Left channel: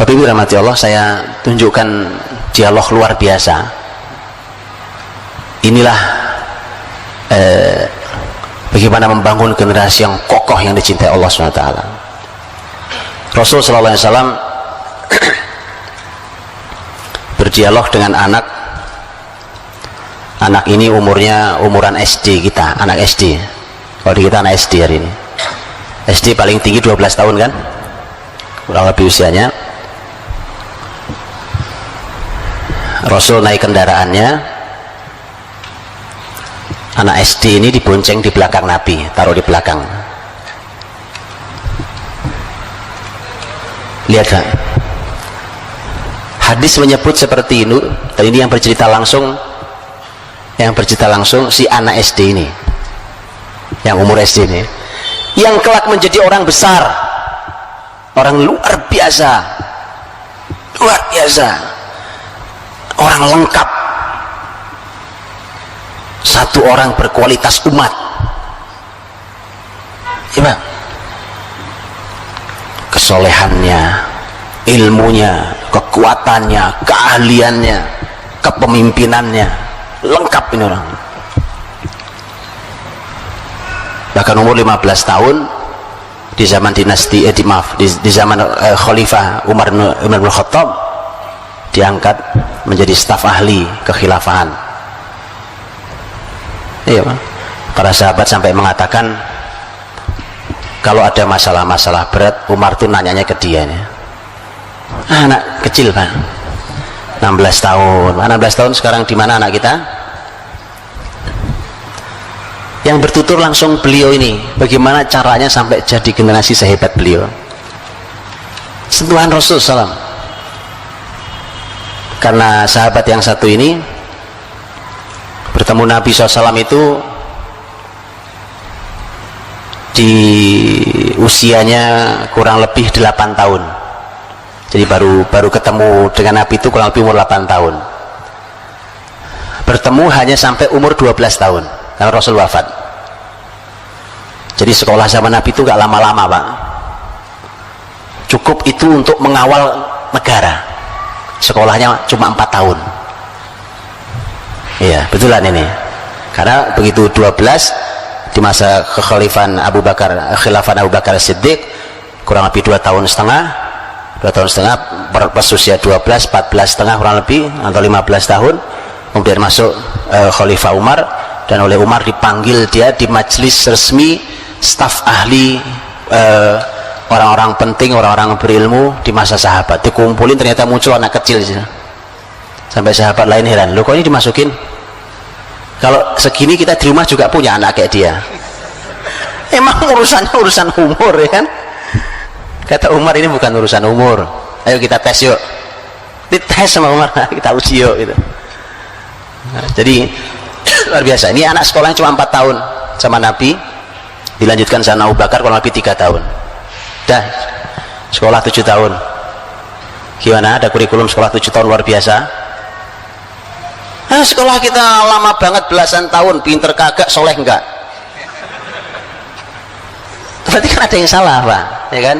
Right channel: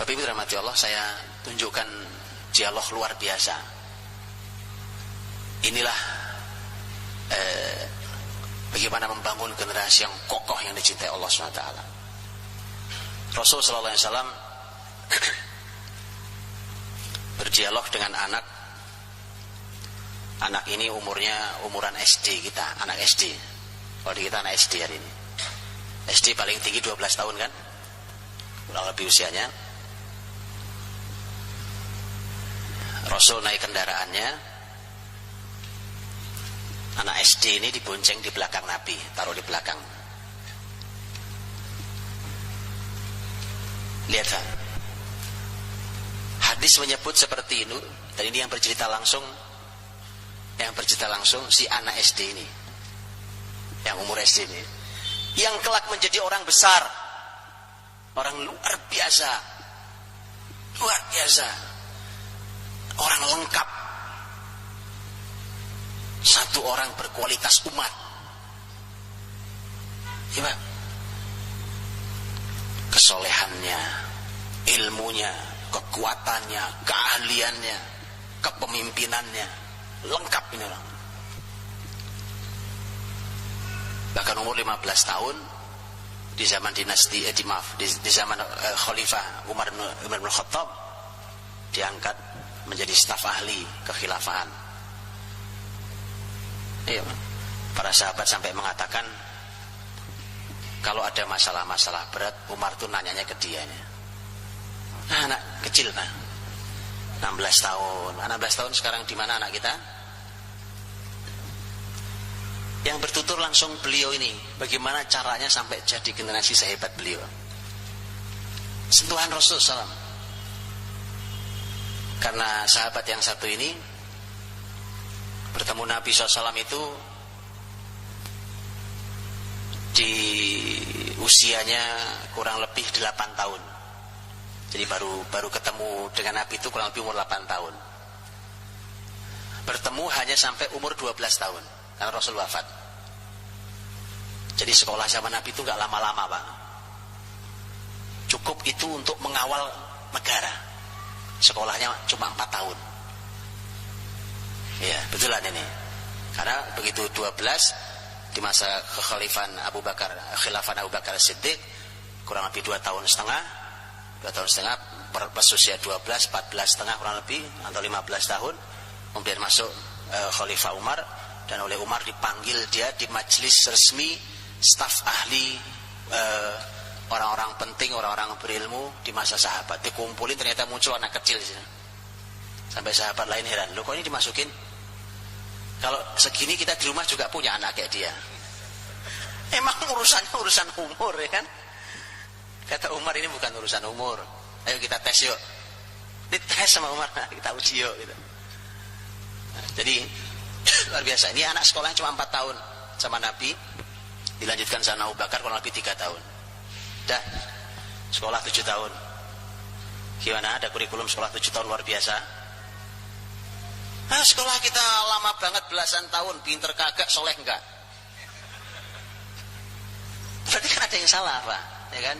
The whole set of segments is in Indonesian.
Bapak Ibu rahmati Allah, saya tunjukkan dialog luar biasa. Inilah bagaimana membangun generasi yang kokoh yang dicintai Allah SWT. Rasul sallallahu alaihi wasallam berdialog dengan anak ini umuran SD kita, anak SD. Kalau di kita anak SD hari ini. SD paling tinggi 12 tahun kan? Kurang lebih usianya. Rasul naik kendaraannya, anak SD ini dibonceng di belakang Nabi, taruh di belakang. Lihat kan? Hadis menyebut seperti ini, dan ini yang bercerita langsung si anak SD ini, yang umur SD ini, yang kelak menjadi orang besar, orang luar biasa, orang lengkap, satu orang berkualitas umat. Ya, kesolehannya, ilmunya, kekuatannya, keahliannya, kepemimpinannya, lengkap ini orang. Bahkan umur 15 tahun di zaman dinasti di zaman Khalifah Umar bin Khattab diangkat menjadi staf ahli kekhilafahan. Iya, para sahabat sampai mengatakan kalau ada masalah-masalah berat, Umar tuh nanyanya ke dia nih. Anak kecil Pak, 16 tahun 16 tahun sekarang di mana anak kita? Yang bertutur langsung beliau ini, bagaimana caranya sampai jadi generasi sehebat beliau. Sentuhan Rasul SAW. Karena sahabat yang satu ini bertemu Nabi SAW itu di usianya kurang lebih 8 tahun. Jadi baru ketemu dengan Nabi itu kurang lebih umur 8 tahun. Bertemu hanya sampai umur 12 tahun karena Rasul wafat. Jadi sekolah zaman Nabi itu gak lama-lama Pak, cukup itu untuk mengawal negara. Sekolahnya cuma 4 tahun. Iya betulan ini, karena begitu 12 di masa kekhalifahan Abu Bakar, khilafah Abu Bakar Siddiq, kurang lebih 2 tahun setengah pas usia 12, 14 setengah kurang lebih, atau 15 tahun kemudian masuk Khalifah Umar, dan oleh Umar dipanggil dia di majelis resmi staf ahli, orang-orang penting, orang-orang berilmu di masa sahabat dikumpulin. Ternyata muncul anak kecil sampai sahabat lain heran, loh kok ini dimasukin, kalau segini kita di rumah juga punya anak kayak dia. Emang urusannya urusan umur ya kan? Kata Umar, ini bukan urusan umur, ayo kita tes yuk. Dites sama Umar, kita uji yuk gitu. Nah, jadi luar biasa. Ini anak sekolahnya cuma 4 tahun sama Nabi, dilanjutkan sama Abu Bakar kurang lebih 3 tahun. Dah sekolah 7 tahun. Gimana, ada kurikulum sekolah 7 tahun luar biasa? Sekolah kita lama banget, belasan tahun, pinter kagak, soleh enggak. Berarti kan ada yang salah Pak, ya kan?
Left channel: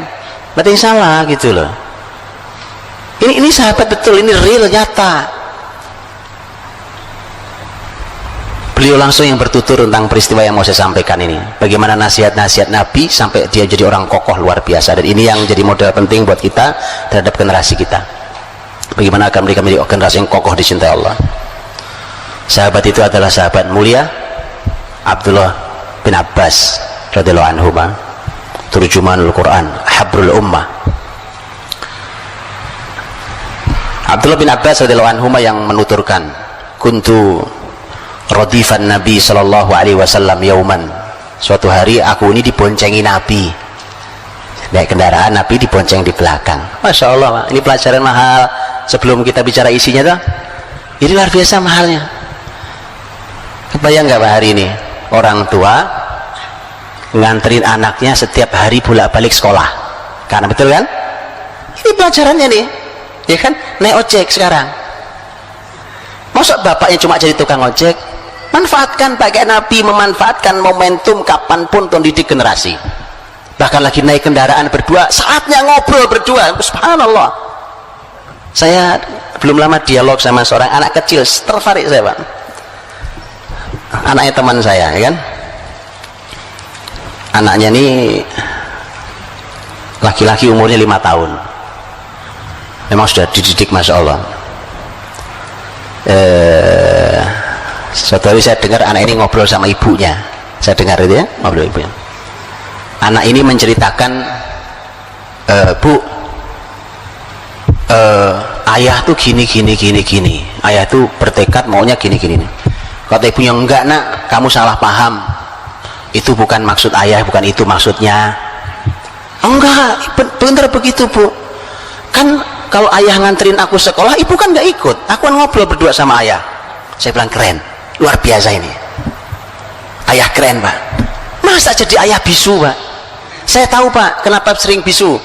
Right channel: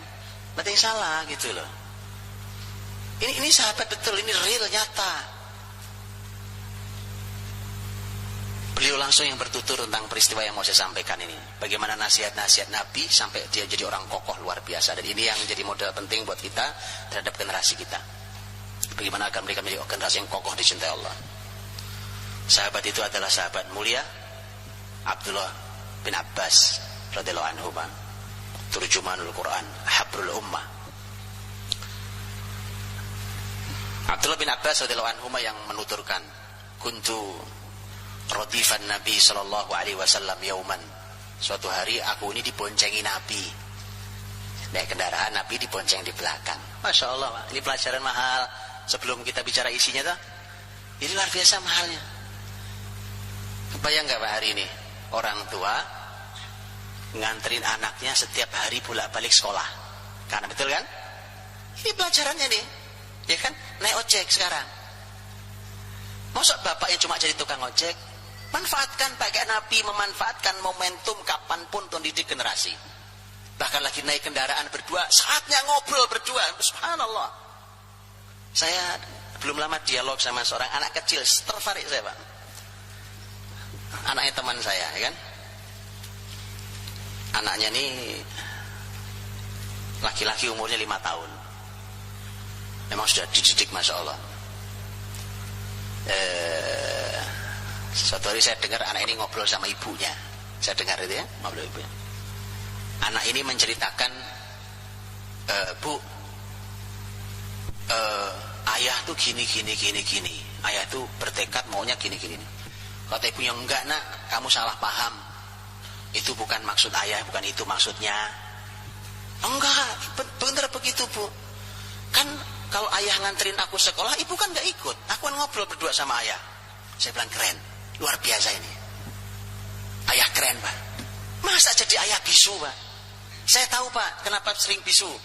Berarti yang salah gitu loh. Ini sahabat betul, ini real, nyata. Beliau langsung yang bertutur tentang peristiwa yang mau saya sampaikan ini, bagaimana nasihat-nasihat Nabi sampai dia jadi orang kokoh luar biasa. Dan ini yang jadi modal penting buat kita terhadap generasi kita, bagaimana akan mereka menjadi generasi yang kokoh dicintai Allah. Sahabat itu adalah sahabat mulia Abdullah bin Abbas radhiyallahu anhu, turjumanul Quran, habrul ummah. Abdullah bin Abbas radhiyallahu anhu yang menuturkan, kuntu radifan Nabi sallallahu alaihi wasallam yauman, suatu hari aku ini diboncengi Nabi, naik kendaraan Nabi dibonceng di belakang. Masya Allah Pak, ini pelajaran mahal. Sebelum kita bicara isinya tuh, ini luar biasa mahalnya. Kebayang nggak Pak, hari ini orang tua nganterin anaknya setiap hari bolak-balik sekolah, karena betul kan? Ini pelajarannya nih, ya kan? Naik ojek sekarang, masa bapaknya cuma jadi tukang ojek? Manfaatkan, pakai Nabi memanfaatkan momentum kapanpun untuk didik generasi. Bahkan lagi naik kendaraan berdua, saatnya ngobrol berdua. Subhanallah, Saya belum lama dialog sama seorang anak kecil, tertarik saya Pak, anaknya teman saya ya kan. Anaknya ini laki-laki, umurnya 5 tahun, memang sudah dididik Masya Allah. Suatu hari saya dengar anak ini ngobrol sama ibunya, saya dengar itu ya, ngobrol ibunya. Anak ini menceritakan, Bu, ayah tuh gini, ayah tuh bertekad maunya gini. Kata ibunya, enggak nak, kamu salah paham, itu bukan maksud ayah, bukan itu maksudnya. Enggak, bener begitu Bu, kan kalau ayah nganterin aku sekolah, ibu kan nggak ikut, aku kan ngobrol berdua sama ayah. Saya bilang, keren, luar biasa ini, ayah keren Pak. Masa jadi ayah bisu Pak? Saya tahu Pak, kenapa sering bisu,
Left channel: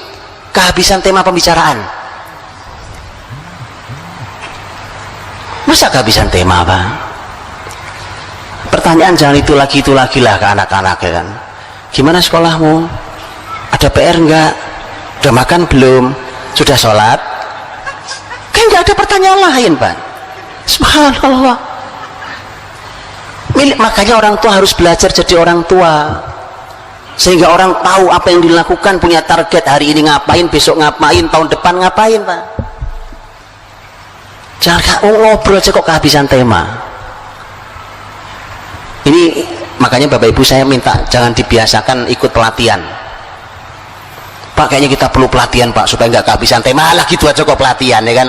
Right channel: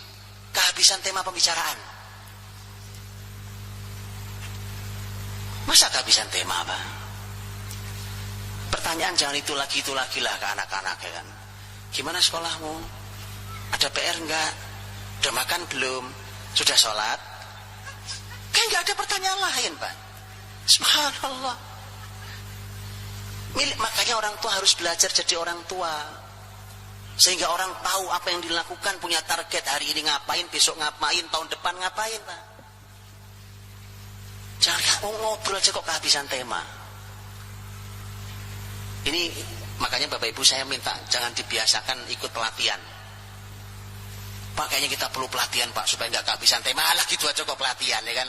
kehabisan tema pembicaraan. Masa kehabisan tema Pak? Pertanyaan jangan itu lagi lah ke anak-anak ya kan. Gimana sekolahmu? Ada PR enggak? Udah makan belum? Sudah sholat? Kan enggak ada pertanyaan lain Pak. Subhanallah. Makanya orang tua harus belajar jadi orang tua, sehingga orang tahu apa yang dilakukan, punya target, hari ini ngapain, besok ngapain, tahun depan ngapain Pak. Jangan ngobrol aja kok kehabisan tema. Ini makanya Bapak Ibu saya minta jangan dibiasakan ikut pelatihan. Pak, kayaknya kita perlu pelatihan Pak supaya nggak kehabisan tema. Lah gitu aja kok pelatihan ya kan.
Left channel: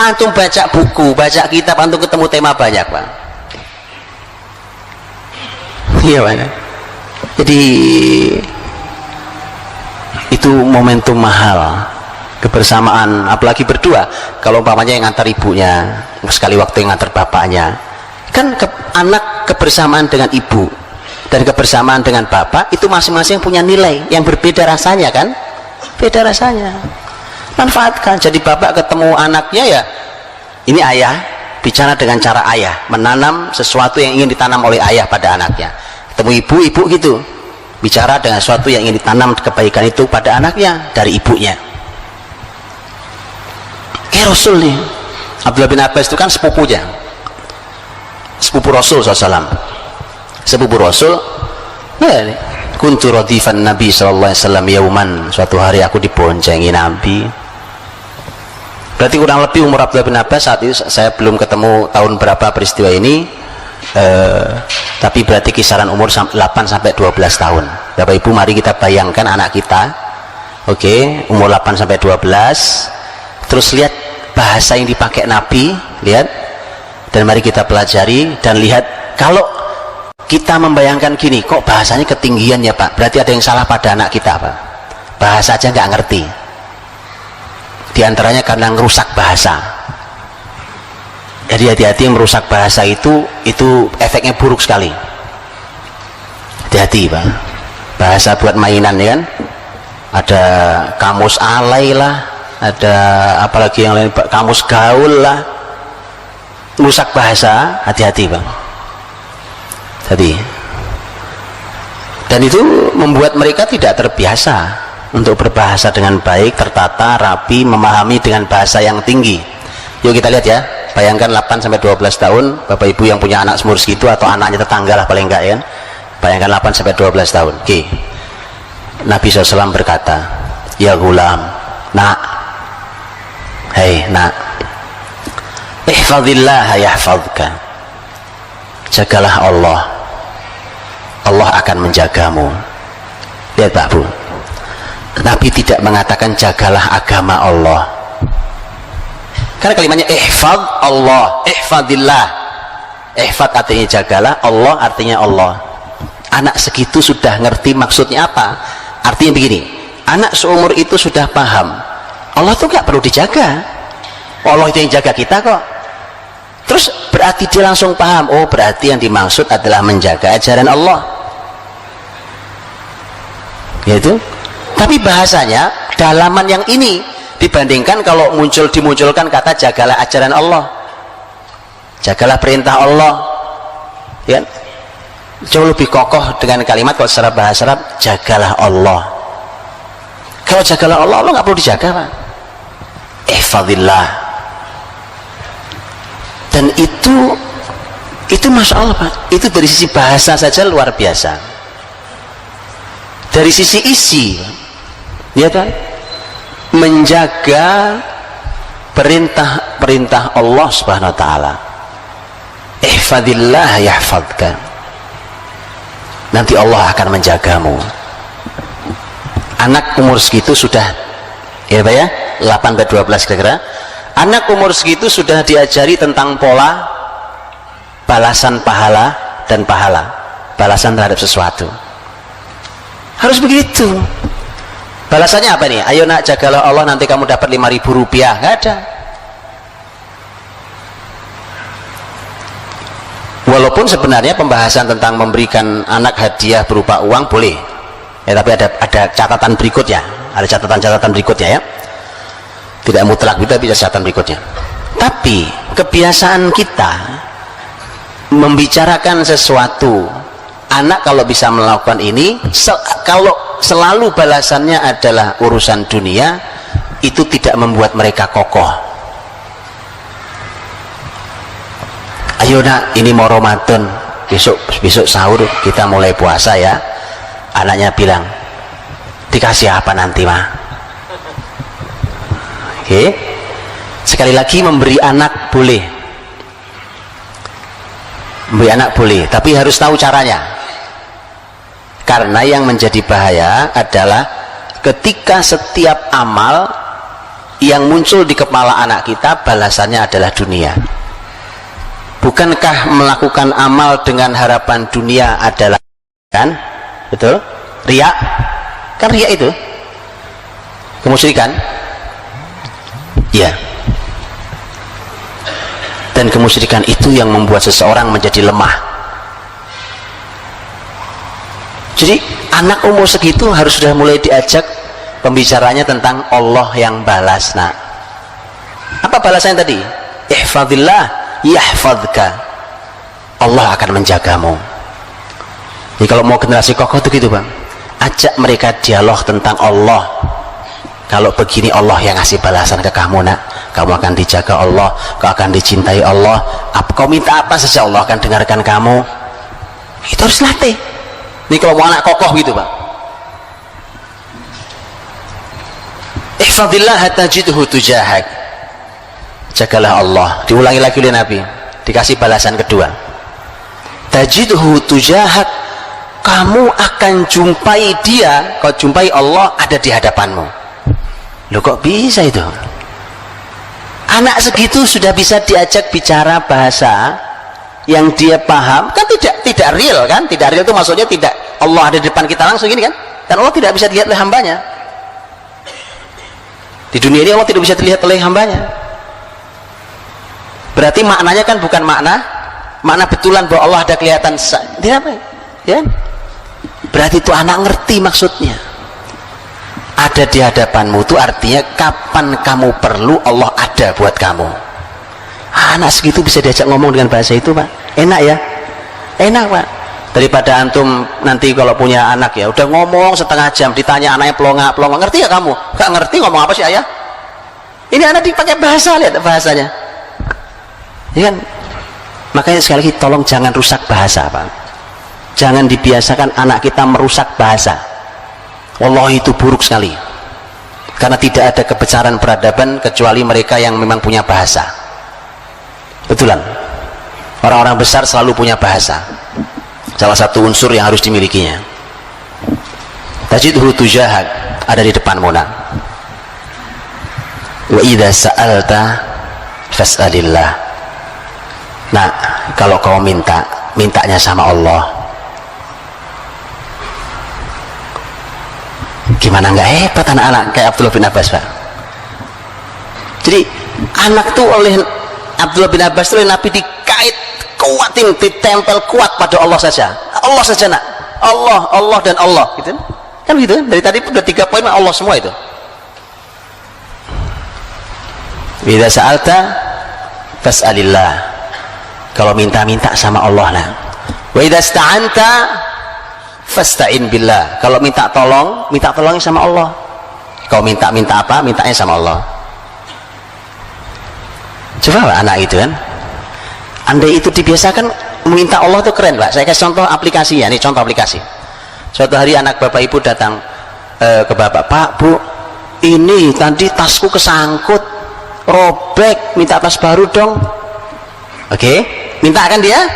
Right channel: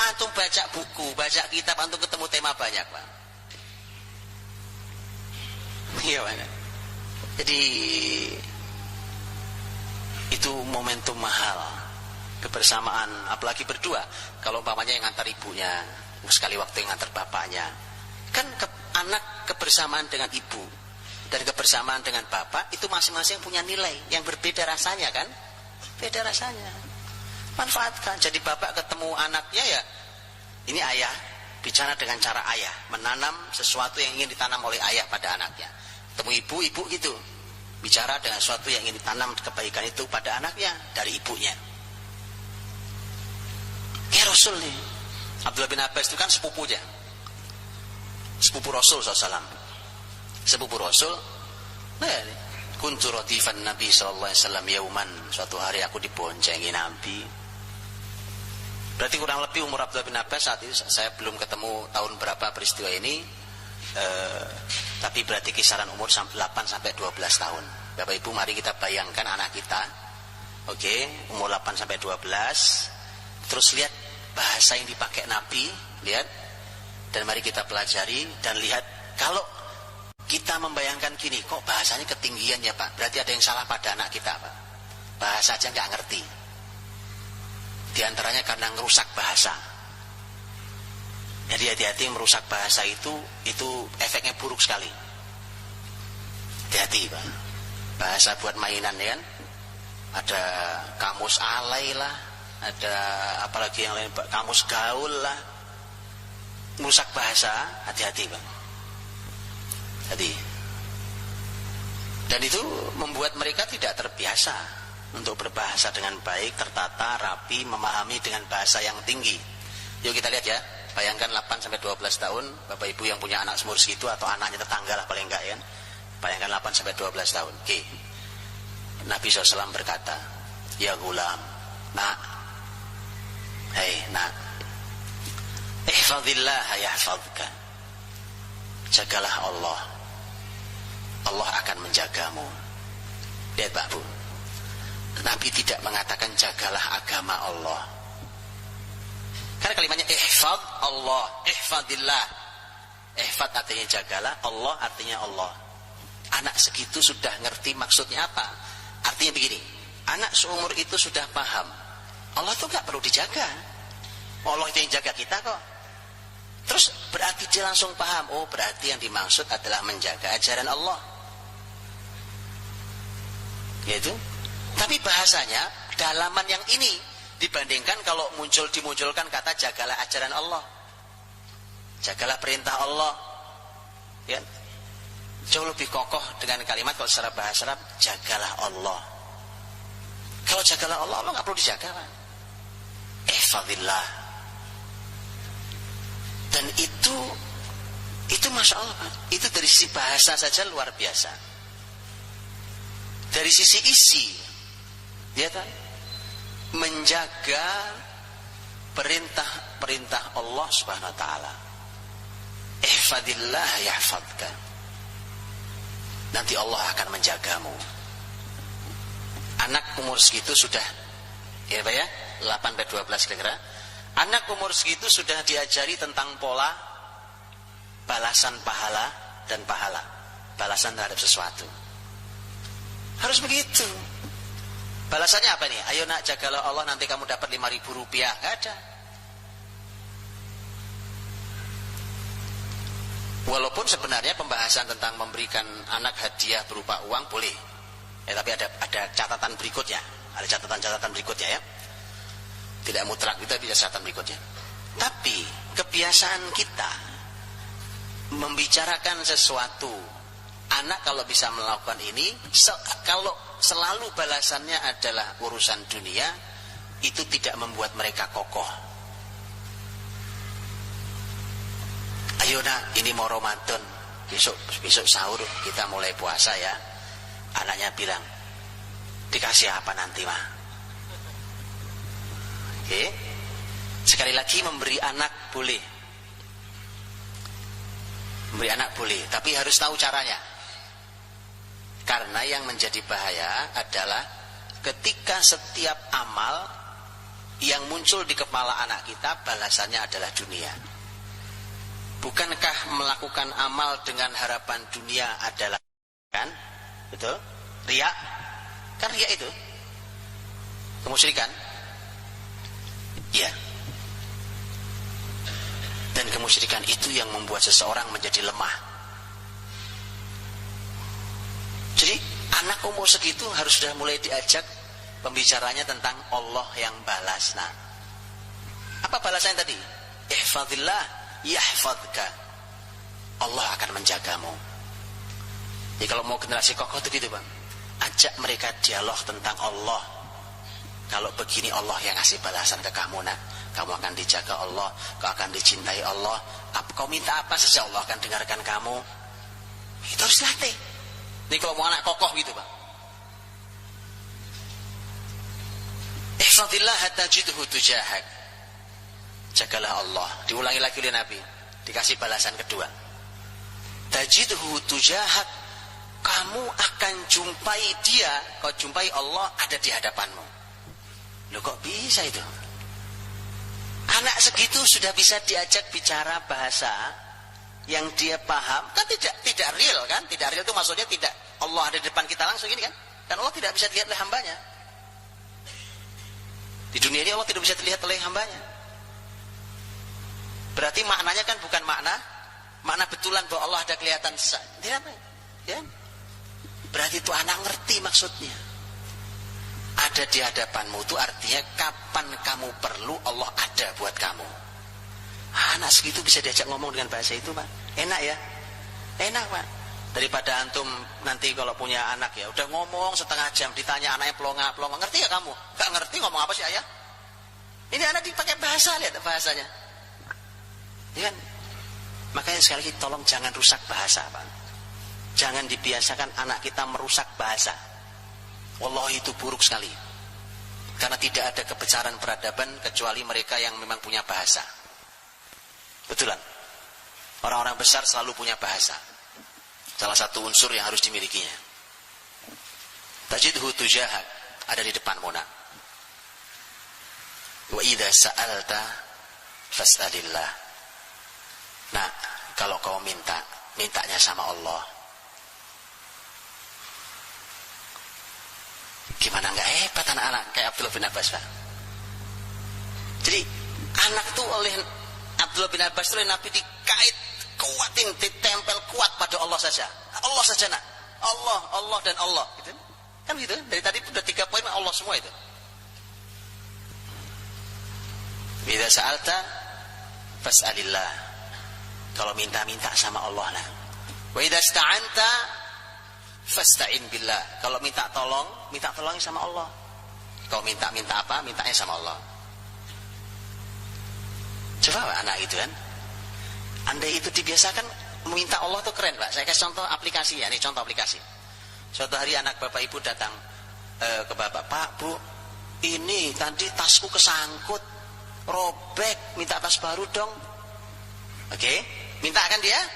Antum baca buku, baca kitab, antum ketemu tema banyak Pak. Iya Pak. Jadi itu momentum mahal, kebersamaan, apalagi berdua. Kalau umpamanya yang ngantar ibunya, sekali waktu yang ngantar bapaknya, kan anak kebersamaan dengan ibu dan kebersamaan dengan bapak itu masing-masing punya nilai yang berbeda rasanya kan, beda rasanya. Manfaatkan. Jadi bapak ketemu anaknya ya, ini ayah bicara dengan cara ayah, menanam sesuatu yang ingin ditanam oleh ayah pada anaknya. Ketemu ibu gitu, bicara dengan sesuatu yang ingin ditanam kebaikan itu pada anaknya dari ibunya. Kayak Rasul nih, Abdullah bin Abbas itu kan sepupunya, sepupu Rasul SAW, sepupu Rasul. Nah, kuntu radifan Nabi SAW yauman, suatu hari aku diboncengi Nabi. Berarti kurang lebih umur Abdullah bin Abbas saat itu, saya belum ketemu tahun berapa peristiwa ini, tapi berarti kisaran umur 8-12 tahun. Bapak Ibu, mari kita bayangkan anak kita, oke, umur 8-12, terus lihat bahasa yang dipakai Nabi, lihat, dan mari kita pelajari dan lihat. Kalau kita membayangkan gini, kok bahasanya ketinggian ya Pak, berarti ada yang salah pada anak kita Pak. Bahasa aja nggak ngerti, di antaranya karena ngerusak bahasa. Jadi hati-hati, yang merusak bahasa itu efeknya buruk sekali. Hati-hati Pak. Bahasa buat mainan ya kan, ada kamus alay lah, ada apalagi yang lain, kamus gaul lah, merusak bahasa. Hati-hati Pak. Jadi, dan itu membuat mereka tidak terbiasa untuk berbahasa dengan baik, tertata, rapi, memahami dengan bahasa yang tinggi. Yuk kita lihat ya, bayangkan 8-12 tahun, Bapak Ibu yang punya anak seumur segitu atau anaknya tetangga lah paling enggak ya, bayangkan 8-12 tahun. Oke. Nabi SAW berkata, ya gulam, nak, hei nak, ihfadillah yahfadka, jagalah Allah, Allah akan menjagamu. Lihat Pak Bu, Nabi tidak mengatakan jagalah agama Allah, karena kalimatnya ihfad Allah, ihfadillah. Ihfad artinya jagalah, Allah artinya Allah. Anak segitu sudah ngerti maksudnya apa. Artinya begini, anak seumur itu sudah paham Allah tuh gak perlu dijaga, Allah itu yang jaga kita kok. Terus berarti dia langsung paham, oh berarti yang dimaksud adalah menjaga ajaran Allah, yaitu. Tapi bahasanya dalaman yang ini dibandingkan kalau dimunculkan kata jagalah ajaran Allah, jagalah perintah Allah, ya, jauh lebih kokoh dengan kalimat kalau secara bahasa Arab jagalah Allah. Kalau jagalah Allah, Allah nggak perlu dijaga Pak. ihfadillah. Dan itu Masya Allah Pak, itu dari sisi bahasa saja luar biasa. Dari sisi isi, ya kan, menjaga perintah Allah Subhanahu wa taala. Ihfadillah yahfadka. Nanti Allah akan menjagamu. Anak umur segitu sudah, ya Pak ya, 8-12 kira-kira. Anak umur segitu sudah diajari tentang pola balasan pahala dan pahala, balasan terhadap sesuatu. Harus begitu. Balasannya apa nih? Ayo nak, jagalah Allah, nanti kamu dapat 5.000 rupiah. Nggak ada. Walaupun sebenarnya pembahasan tentang memberikan anak hadiah berupa uang boleh, ya, tapi ada catatan berikutnya, ada catatan berikutnya ya. Tidak mutlak, tapi ada catatan berikutnya. Tapi kebiasaan kita membicarakan sesuatu, anak kalau bisa melakukan ini, kalau selalu balasannya adalah urusan dunia, itu tidak membuat mereka kokoh. Ayo nak, ini mau Ramadan, besok sahur kita mulai puasa ya. Anaknya bilang, dikasih apa nanti mah? Oke. Sekali lagi, memberi anak boleh, memberi anak boleh, tapi harus tahu caranya. Karena yang menjadi bahaya adalah ketika setiap amal yang muncul di kepala anak kita balasannya adalah dunia. Bukankah melakukan amal dengan harapan dunia adalah, kan? Betul? Riya? Kan riya itu kemusyrikan? Ya. Dan kemusyrikan itu yang membuat seseorang menjadi lemah. Jadi anak umur segitu harus sudah mulai diajak pembicaranya tentang Allah yang balas. Nah, apa balasannya tadi? Ihfadillah yahfadka. Allah akan menjagamu. Jadi kalau mau generasi kokoh itu gitu Bang, ajak mereka dialog tentang Allah. Kalau begini Allah yang ngasih balasan ke kamu nak, kamu akan dijaga Allah, kau akan dicintai Allah, kau minta apa saja Allah akan dengarkan kamu. Itu harus latih. Ini kalau mau anak kokoh gitu Pak. Ihfadillah tajidhu tujahak. Jagalah Allah. Diulangi lagi oleh Nabi, dikasih balasan kedua. Tajidhu tujahak, kamu akan jumpai dia, kau jumpai Allah ada di hadapanmu. Loh kok bisa itu? Anak segitu sudah bisa diajak bicara bahasa yang dia paham, kan tidak real kan? Tidak real itu maksudnya tidak Allah ada di depan kita langsung ini kan? Dan Allah tidak bisa dilihat oleh hambanya. Di dunia ini Allah tidak bisa dilihat oleh hambanya. Berarti maknanya kan bukan makna betulan bahwa Allah ada kelihatan. Tidak apa ya? Berarti itu anak ngerti maksudnya. Ada di hadapanmu itu artinya kapan kamu perlu Allah ada buat kamu. Anak segitu bisa diajak ngomong dengan bahasa itu Pak. Enak ya? Enak Pak. Daripada antum nanti kalau punya anak ya udah ngomong setengah jam, ditanya anaknya pelonga, ngerti ya kamu? Gak ngerti ngomong apa sih ayah? Ini anak dipakai bahasa, lihat bahasanya ya kan? Makanya sekali lagi tolong jangan rusak bahasa Pak. Jangan dibiasakan anak kita merusak bahasa. Wallahi itu buruk sekali. Karena tidak ada kebesaran peradaban kecuali mereka yang memang punya bahasa. Betulan. Orang-orang besar selalu punya bahasa. Salah satu unsur yang harus dimilikinya. Tajidhu tujahak, ada di depanmu nak. Wa idza sa'alta fas'alillah. Nah, kalau kau mintanya sama Allah. Gimana nggak hebat anak-anak kayak Abdullah bin Abbas Pak. Jadi anak tuh oleh Abdullah bin Abbas itu oleh Nabi dikait kuatin, ditempel kuat pada Allah saja nak. Allah dan Allah gitu kan gitu. Dari tadi udah 3 poin Allah semua itu. Idza sa'alta fas'alillah, kalau minta sama Allah nah. Wa idza ista'anta fasta'in billah, kalau minta tolongnya sama Allah. Kau minta apa? Mintanya sama Allah. Coba Pak, anak itu kan, andai itu dibiasakan meminta Allah tuh keren Pak. Saya kasih contoh aplikasinya, ini contoh aplikasi. Suatu hari anak bapak ibu datang ke bapak, Pak, Bu, ini tadi tasku kesangkut, robek, minta tas baru dong. Oke, minta kan dia?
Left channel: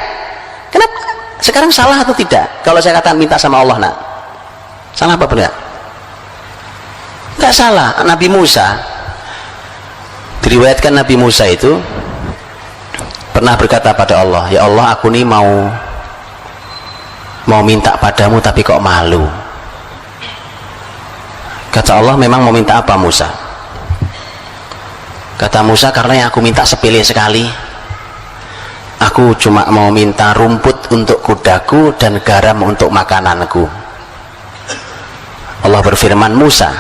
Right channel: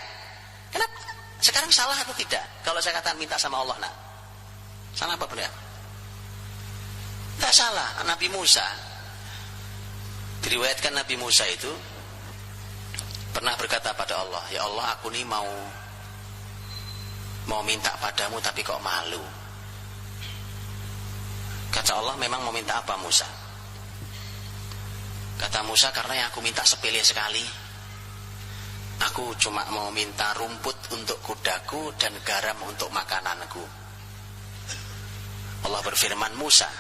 Kenapa? Sekarang salah atau tidak? Kalau saya katakan minta sama Allah, nak, salah apa benar? Enggak salah. Nabi Musa, diriwayatkan Nabi Musa itu pernah berkata pada Allah, ya Allah, aku nih mau minta padamu tapi kok malu. Kata Allah, memang mau minta apa Musa? Kata Musa, karena yang aku minta sepele sekali. Aku cuma mau minta rumput untuk kudaku dan garam untuk makananku. Allah berfirman, Musa,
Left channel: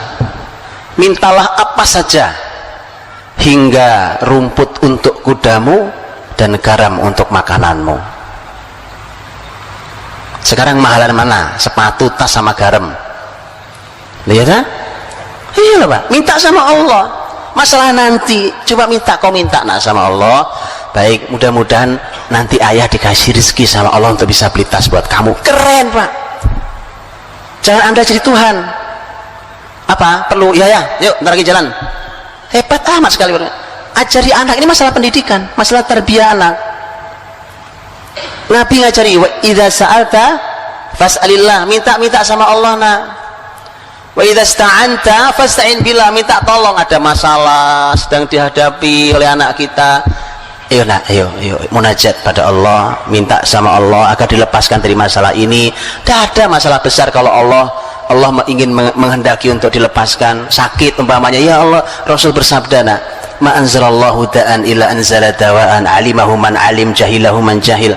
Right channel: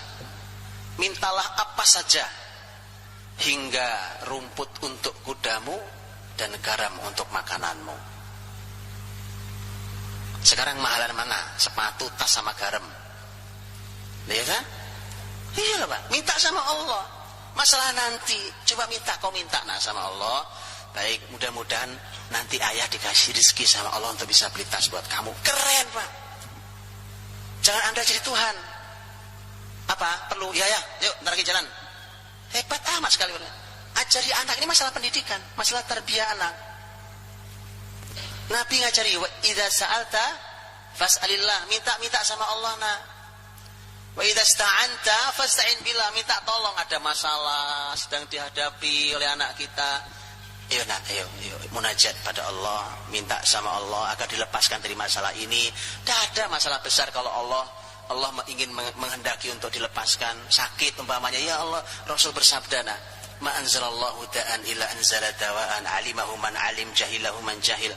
mintalah apa saja hingga rumput untuk kudamu dan garam untuk makananmu. Sekarang mahalan mana? Sepatu, tas sama garam. Lihat kan? Iya Pak, minta sama Allah. Masalah nanti, coba minta, kau minta nak sama Allah. Baik, mudah-mudahan nanti ayah dikasih rezeki sama Allah untuk bisa beli tas buat kamu. Keren Pak. Jangan Anda jadi Tuhan. Apa? Perlu? Ya, yuk, ntar lagi jalan. Hebat amat sekali. Ajari anak, ini masalah pendidikan, masalah tarbiyah anak. Nabi ngajari, wa idza sa'alta fas'alillah, minta sama Allah nak. Wa idza sta'anta fasta'in billah, minta tolong, ada masalah sedang dihadapi oleh anak kita. Ayo nak, ayo munajat pada Allah, minta sama Allah agar dilepaskan dari masalah ini. Tidak ada masalah besar kalau Allah ingin menghendaki untuk dilepaskan. Sakit umpamanya, ya Allah, Rasul bersabda nak, ma anzalallahu da'an illa anzala dawa'an alimahu man alim jahilahu man jahil.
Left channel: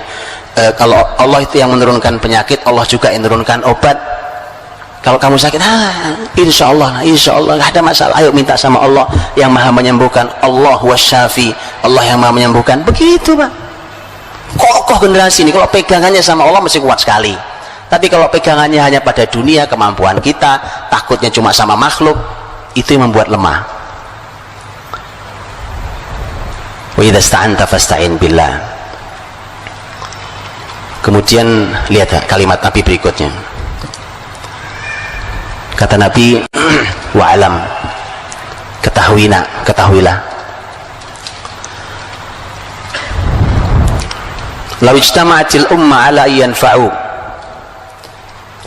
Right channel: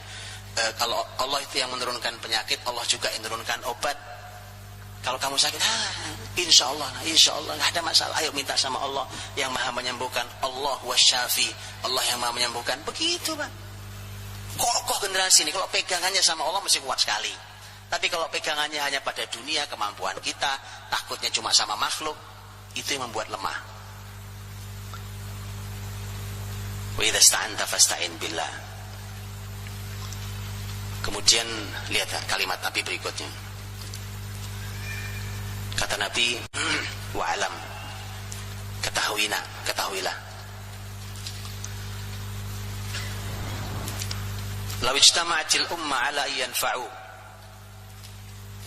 Kalau Allah itu yang menurunkan penyakit, Allah juga yang menurunkan obat. Kalau kamu sakit, insya Allah nggak ada masalah. Ayo minta sama Allah yang maha menyembuhkan. Allah wasyafi, Allah yang maha menyembuhkan. Begitu Pak. Kokoh generasi ini. Kalau pegangannya sama Allah mesti kuat sekali. Tapi kalau pegangannya hanya pada dunia, kemampuan kita, takutnya cuma sama makhluk, itu yang membuat lemah. Wa idza sta'anta fasta'in billah. Kemudian lihat kalimat Nabi berikutnya. Kata Nabi, wa'alam, ketahuilah, law ijtama'atil umma ala yanfa'u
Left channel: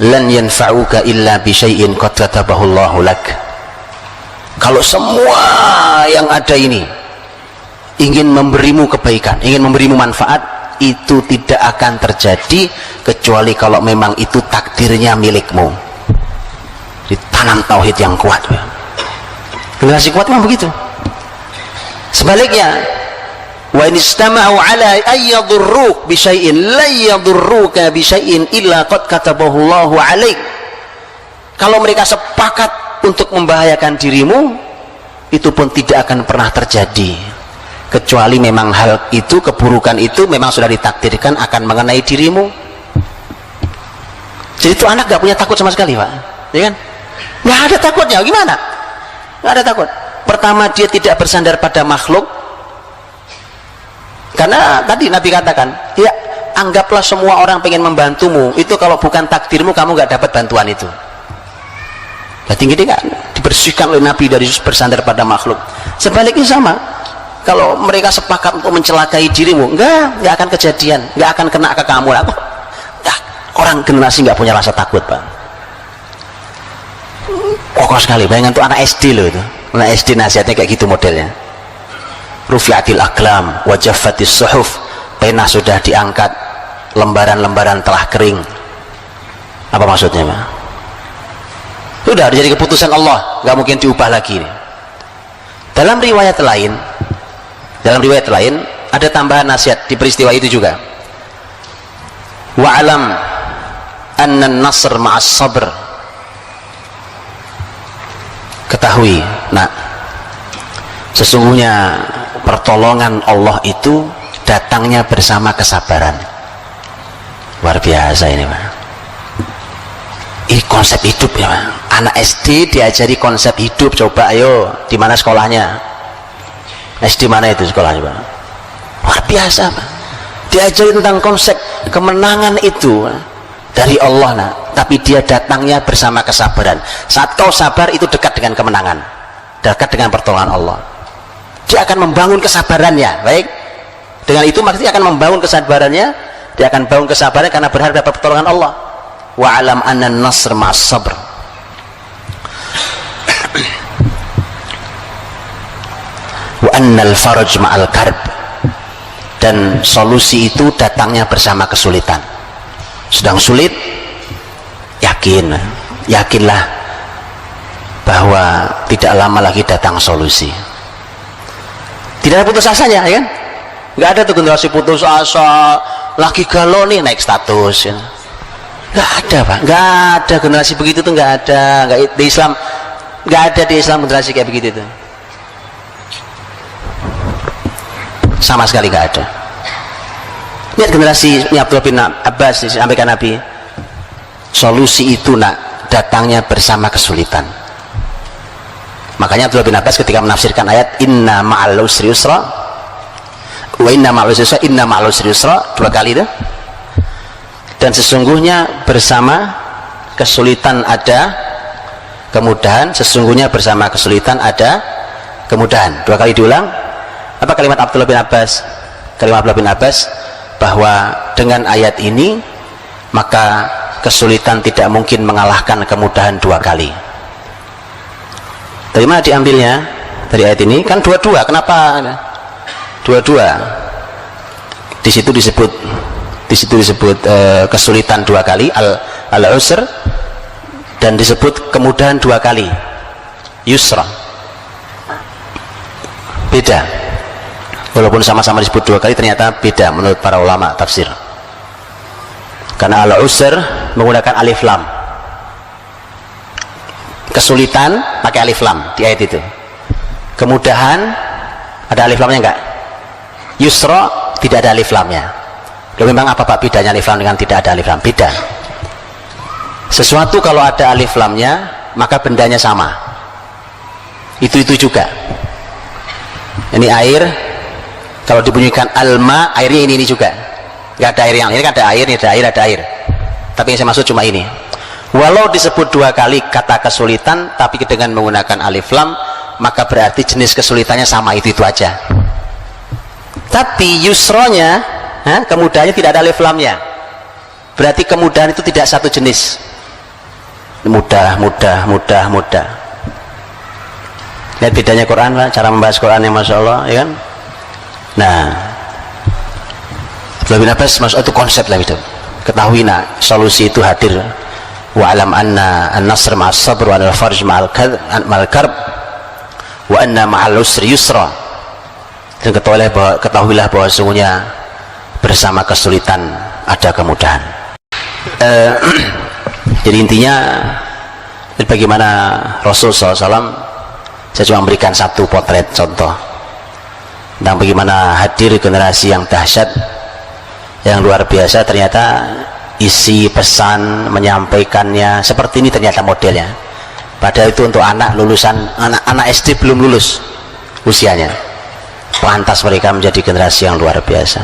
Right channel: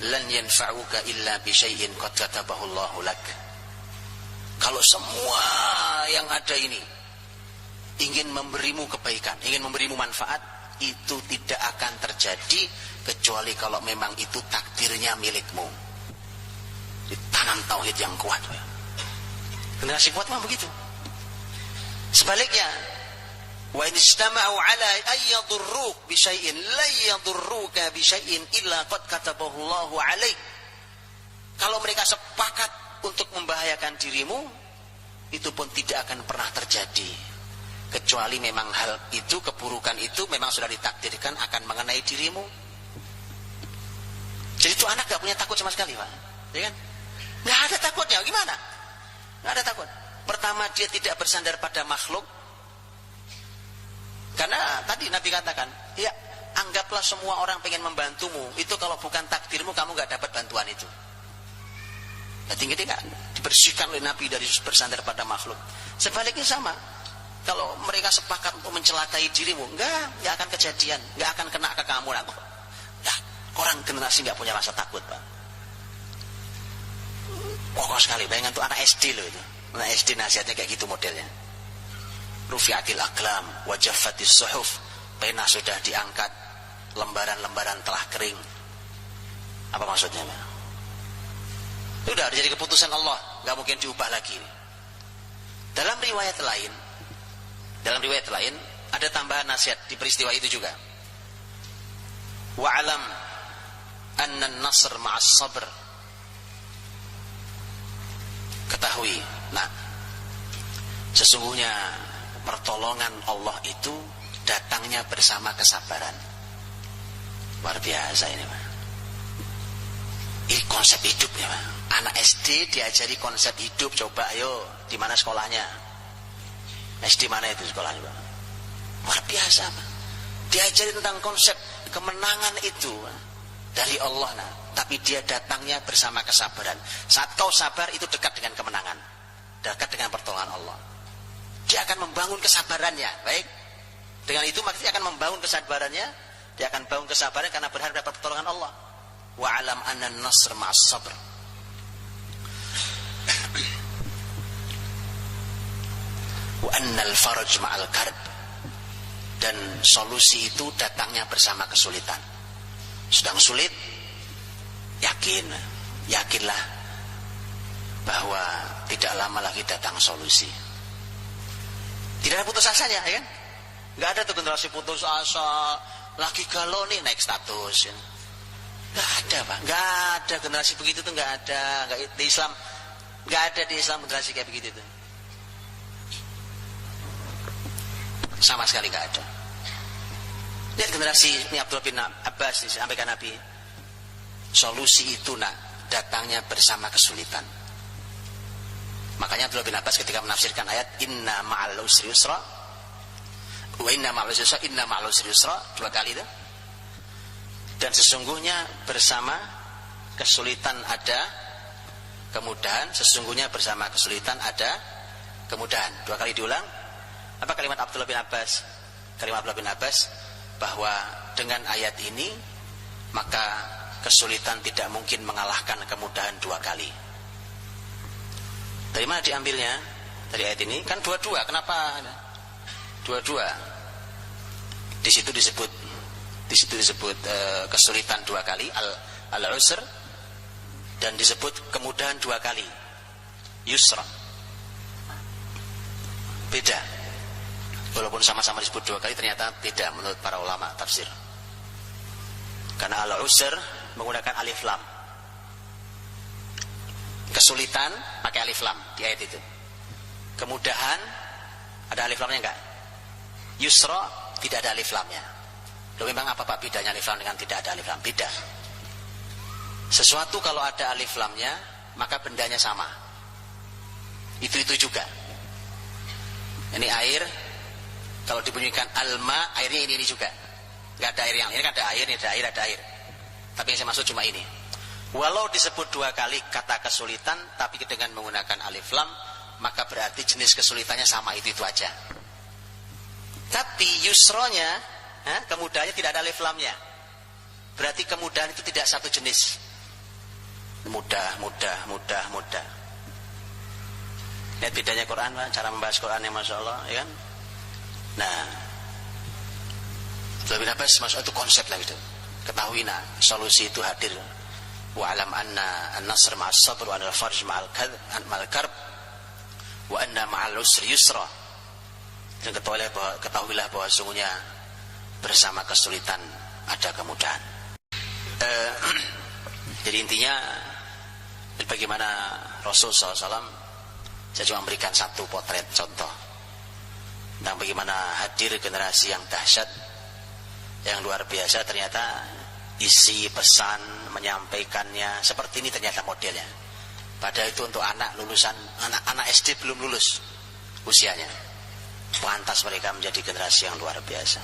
lan yanfa'uka illa bi syai'in qad katabahu Allahu lak. Kalau semua yang ada ini ingin memberimu kebaikan, ingin memberimu manfaat, itu tidak akan terjadi kecuali kalau memang itu takdirnya milikmu. Ditanam tauhid yang kuat. Generasi kuat memang begitu. Sebaliknya, wa in istama'u ala ayyadurruk bi syai'in la yadurruka bi syai'in illa qad katabahu Allahu 'alaik. Kalau mereka sepakat untuk membahayakan dirimu, itu pun tidak akan pernah terjadi kecuali memang hal itu, keburukan itu memang sudah ditakdirkan akan mengenai dirimu. Jadi itu anak gak punya takut sama sekali Pak, ya kan? Nggak ada takutnya, gimana? Nggak ada takut. Pertama, dia tidak bersandar pada makhluk, karena tadi Nabi katakan, ya anggaplah semua orang pengen membantumu, itu kalau bukan takdirmu kamu nggak dapat bantuan itu. Berarti gini kan, dibersihkan oleh Nabi dari bersandar pada makhluk. Sebaliknya sama, kalau mereka sepakat untuk mencelakai dirimu, nggak akan kejadian, nggak akan kena ke kamu. Orang generasi nggak punya rasa takut Pak. Kokoh sekali. Bayangkan tuh anak SD loh itu. Anak SD nasihatnya kayak gitu modelnya. Rufi'atil aqlam wa jaffatis suhuf. Pena sudah diangkat, lembaran-lembaran telah kering. Apa maksudnya Pak? Sudah jadi keputusan Allah, nggak mungkin diubah lagi. Dalam riwayat lain ada tambahan nasihat di peristiwa itu juga. Wa'alam anna an-nasr ma'as sabr. Ketahui, nak, sesungguhnya pertolongan Allah itu datangnya bersama kesabaran. Luar biasa ini Pak. Ini konsep hidup ya Pak. Anak SD diajari konsep hidup. Coba ayo, di mana sekolahnya? SD mana itu sekolahnya Pak? luar biasa Pak. Diajari tentang konsep kemenangan itu dari Allah nah. Tapi dia datangnya bersama kesabaran. Saat kau sabar itu dekat dengan kemenangan, dekat dengan pertolongan Allah. Dia akan membangun kesabarannya. Baik, dengan itu maksudnya akan membangun kesabarannya. Dia akan bangun kesabaran karena berharap dapat pertolongan Allah. Wa alam anna nasr ma'as sabr. Wa annal faraj ma'al karb. Dan solusi itu datangnya bersama kesulitan. Sedang sulit, yakinlah bahwa tidak lama lagi datang solusi. Tidak ada putus asanya, ya kan? Nggak ada tuh generasi putus asa, lagi galau nih naik status. Ya. Nggak ada Pak, nggak ada generasi begitu tuh, nggak ada. Nggak di Islam, nggak ada di Islam generasi kayak begitu tuh. Sama sekali nggak ada. Lihat generasi Abdullah bin Abbas disampaikan Nabi, solusi itu nak datangnya bersama kesulitan. Makanya Abdullah bin Abbas ketika menafsirkan ayat inna ma'al usri yusra wa inna ma'al usri yusra, inna ma'al usri yusra, 2 kali itu, dan sesungguhnya bersama kesulitan ada kemudahan, sesungguhnya bersama kesulitan ada kemudahan. 2 kali diulang. Apa kalimat Abdullah bin Abbas? Kalimat Abdullah bin Abbas bahwa dengan ayat ini maka kesulitan tidak mungkin mengalahkan kemudahan 2 kali. Dari mana diambilnya? Dari ayat ini kan 2-2. Kenapa 2-2? Di situ disebut kesulitan 2 kali, al-usr, dan disebut kemudahan 2 kali, yusra. Beda. Walaupun sama-sama disebut 2 kali, ternyata beda menurut para ulama tafsir. Karena al-usr menggunakan alif lam, kesulitan pakai alif lam di ayat itu. Kemudahan ada alif lamnya enggak? Yusra tidak ada alif lamnya. Loh, memang apa Pak bedanya alif lam dengan tidak ada alif lam? Beda. Sesuatu kalau ada alif lamnya maka bendanya sama. Itu juga. Ini air, kalau dibunyikan alma, airnya ini juga. Enggak ada air yang ini, kan ada air, ini ada air. Tapi yang saya maksud cuma ini. Walau disebut 2 kali kata kesulitan tapi dengan menggunakan alif lam, maka berarti jenis kesulitannya sama, itu aja. Tapi yusronya, kemudahannya tidak ada alif lamnya, berarti kemudahan itu tidak satu jenis. Mudah. Lihat bedanya Quran Pak, cara membahas Quran yang Masya Allah, ya kan? Nah, Abdullah bin Abbas masuk itu konsep lah itu. Ketahui nak solusi itu hadir. Wa alam anna an-nasr ma'as sabr wa al-farj ma'al karb wa anna ma'al usri yusra. Dan ketahuilah bahwa sesungguhnya bersama kesulitan ada kemudahan. Jadi intinya bagaimana Rasul SAW, saya cuma memberikan satu potret contoh tentang bagaimana hadir generasi yang dahsyat, yang luar biasa. Ternyata isi pesan menyampaikannya seperti ini ternyata modelnya. Padahal itu untuk anak lulusan, anak SD belum lulus usianya. Pantas mereka menjadi generasi yang luar biasa.